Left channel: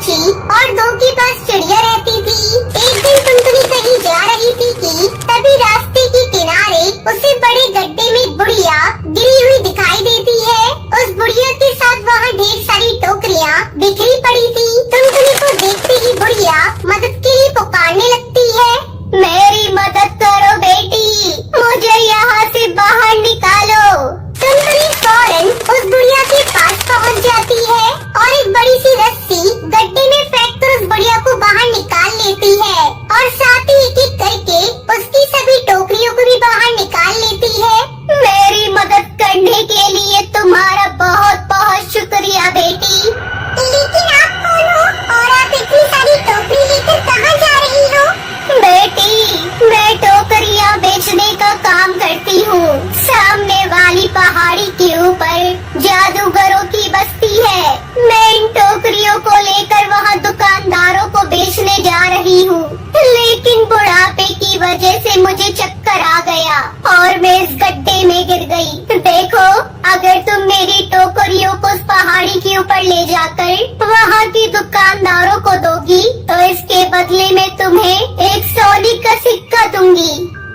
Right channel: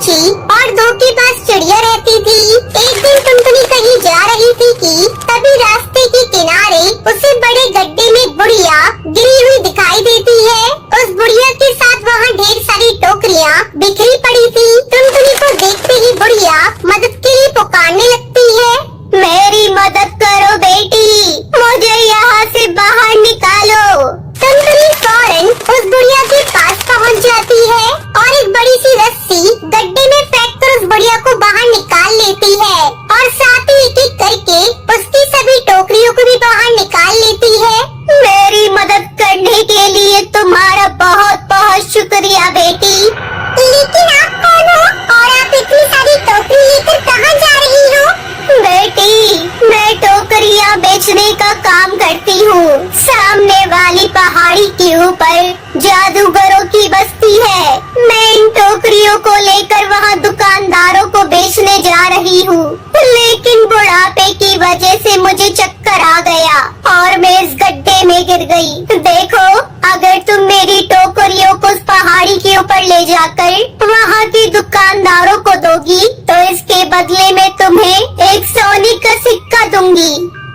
पंछी और दो के पास चिड़िया रहती थी। एक दिन टुनटुनी कहीं जा रही थी कि तभी रास्ते के किनारे उसे बड़े गड्ढे में बुढ़िया गिरी हुई दिखाई देती है। उस बुढ़िया के साथ वहाँ ढेर सारी टोकरियाँ बिखरी पड़ी थी। टुनटुनी को देखते ही बुढ़िया मदद के लिए पुकारने लगती है। मेरी मदद करो बेटी, मुझे यहाँ से बाहर निकालो। टुनटुनी फौरन उस बुढ़िया के पास पहुँच जाती है और एक बड़ी सी रस्सी गड्ढे में फेंक कर उस बुढ़िया को बाहर निकाल लेती है और साथ ही एक एक करके उसकी सभी टोकरियों को भी बाहर निकाल लेती है। मेरी मदद करने के लिए तुम्हारा बहुत बहुत शुक्रिया बेटी। लेकिन आप कौन हो और आप इतनी सारी टोकरी लेकर कहाँ जा रही हो? बेटी, मैं टोकरियाँ बेचने का काम करती हूँ। सामने वाली पहाड़ी के ऊपर जादूगरों की बस्ती है। मैं इन टोकरियों को लेकर वहाँ दुकानदारों को बेचने जा रही हूँ, लेकिन बुढ़ापे की वजह से मुझे चक्कर आ गया और मैं इस गड्ढे में गिर गई। देखो, अगर तुम मेरी टोकरियों को उस पहाड़ी के ऊपर ले जाकर वहाँ के दुकानदारों को दोगी तो इसके बदले में तुम्हें एक सोने का सिक्का दूंगी।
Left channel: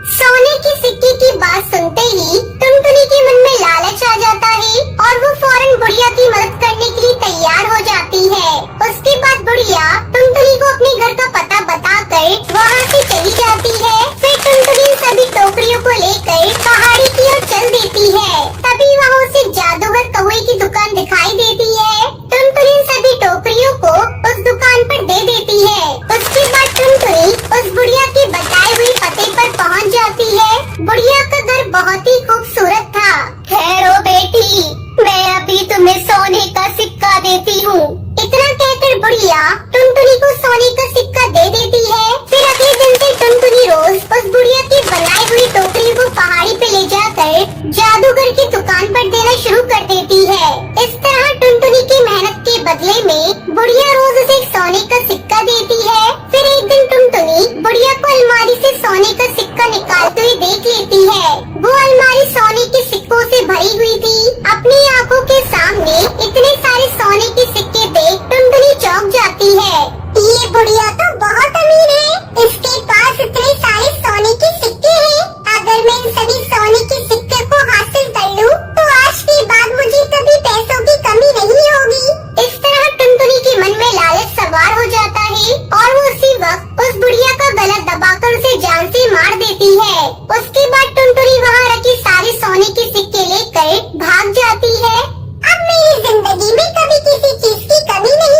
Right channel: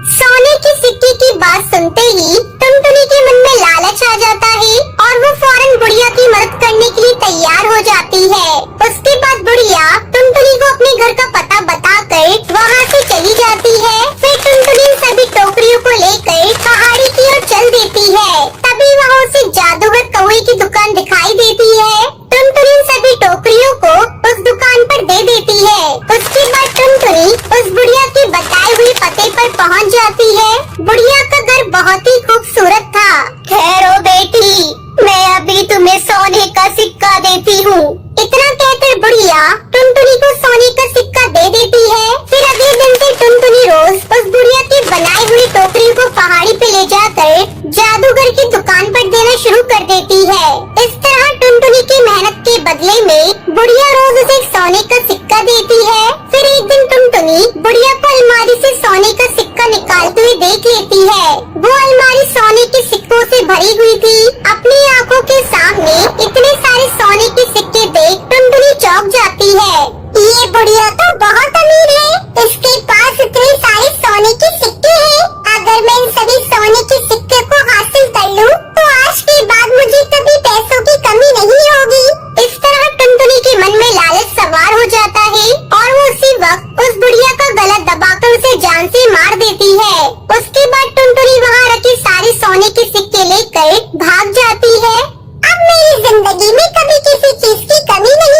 सोने के सिक्के की बात सुनते ही टुनटुनी के मन में लालच आ जाता है और वो फौरन बुढ़िया की मदद करने के लिए तैयार हो जाती है। उसके बाद बुढ़िया टुनटुनी को अपने घर का पता बताकर वहाँ से चली जाती है। फिर टुनटुनी सभी टोकरियों को लेकर पहाड़ी की ओर चल देती है। तभी वहाँ उसे जादूगर कौवे की दुकान दिखाई देती है। टुनटुनी सभी टोकरियों को उस दुकान पर दे देती है। उसके बाद टुनटुनी उस बुढ़िया के बताए हुए पते पर पहुँच जाती है। बुढ़िया का घर बहुत ही खूबसूरत था। ठहरो बेटी, मैं अभी तुम्हें सोने का सिक्का देती हूँ। इतना कहकर बुढ़िया टुनटुनी को सोने का सिक्का दे देती है। फिर अगले दिन से टुनटुनी रोज उस बुढ़िया की बनाई हुई टोकरी को पहाड़ी पे ले जाकर जादूगर की दुकान पर देना शुरू कर देती है। इस तरह टुनटुनी की मेहनत के बदले में बुढ़िया रोज उसे सोने का सिक्का देती है। फिर एक दिन टुनटुनी बुढ़िया को अलमारी से सोने का सिक्का निकालते हुए देख लेती है। वो अलमारी सोने के सिक्कों से भरी हुई थी। अपनी आंखों के सामने इतने सारे सोने के सिक्के देख टुनटुनी चौंक जाती है। ये बुढ़िया तो बहुत अमीर है, इसके पास इतने सारे सोने के सिक्के हैं। अगर मैं इन सभी सोने के सिक्के को हासिल कर लूं, तो आज के बाद मुझे कभी पैसों की कमी नहीं होगी। इस तरह टुनटुनी के मन में लालच सवार हो जाता है और वो उसी वक्त उस बुढ़िया का गला दबाकर उसे जान से मार देती है। उसके बाद टुनटुनी वहाँ रखे सारे सोने के सिक्के लेकर भाग जाती है। अब मेरी जिंदगी में कभी किसी चीज की कमी नहीं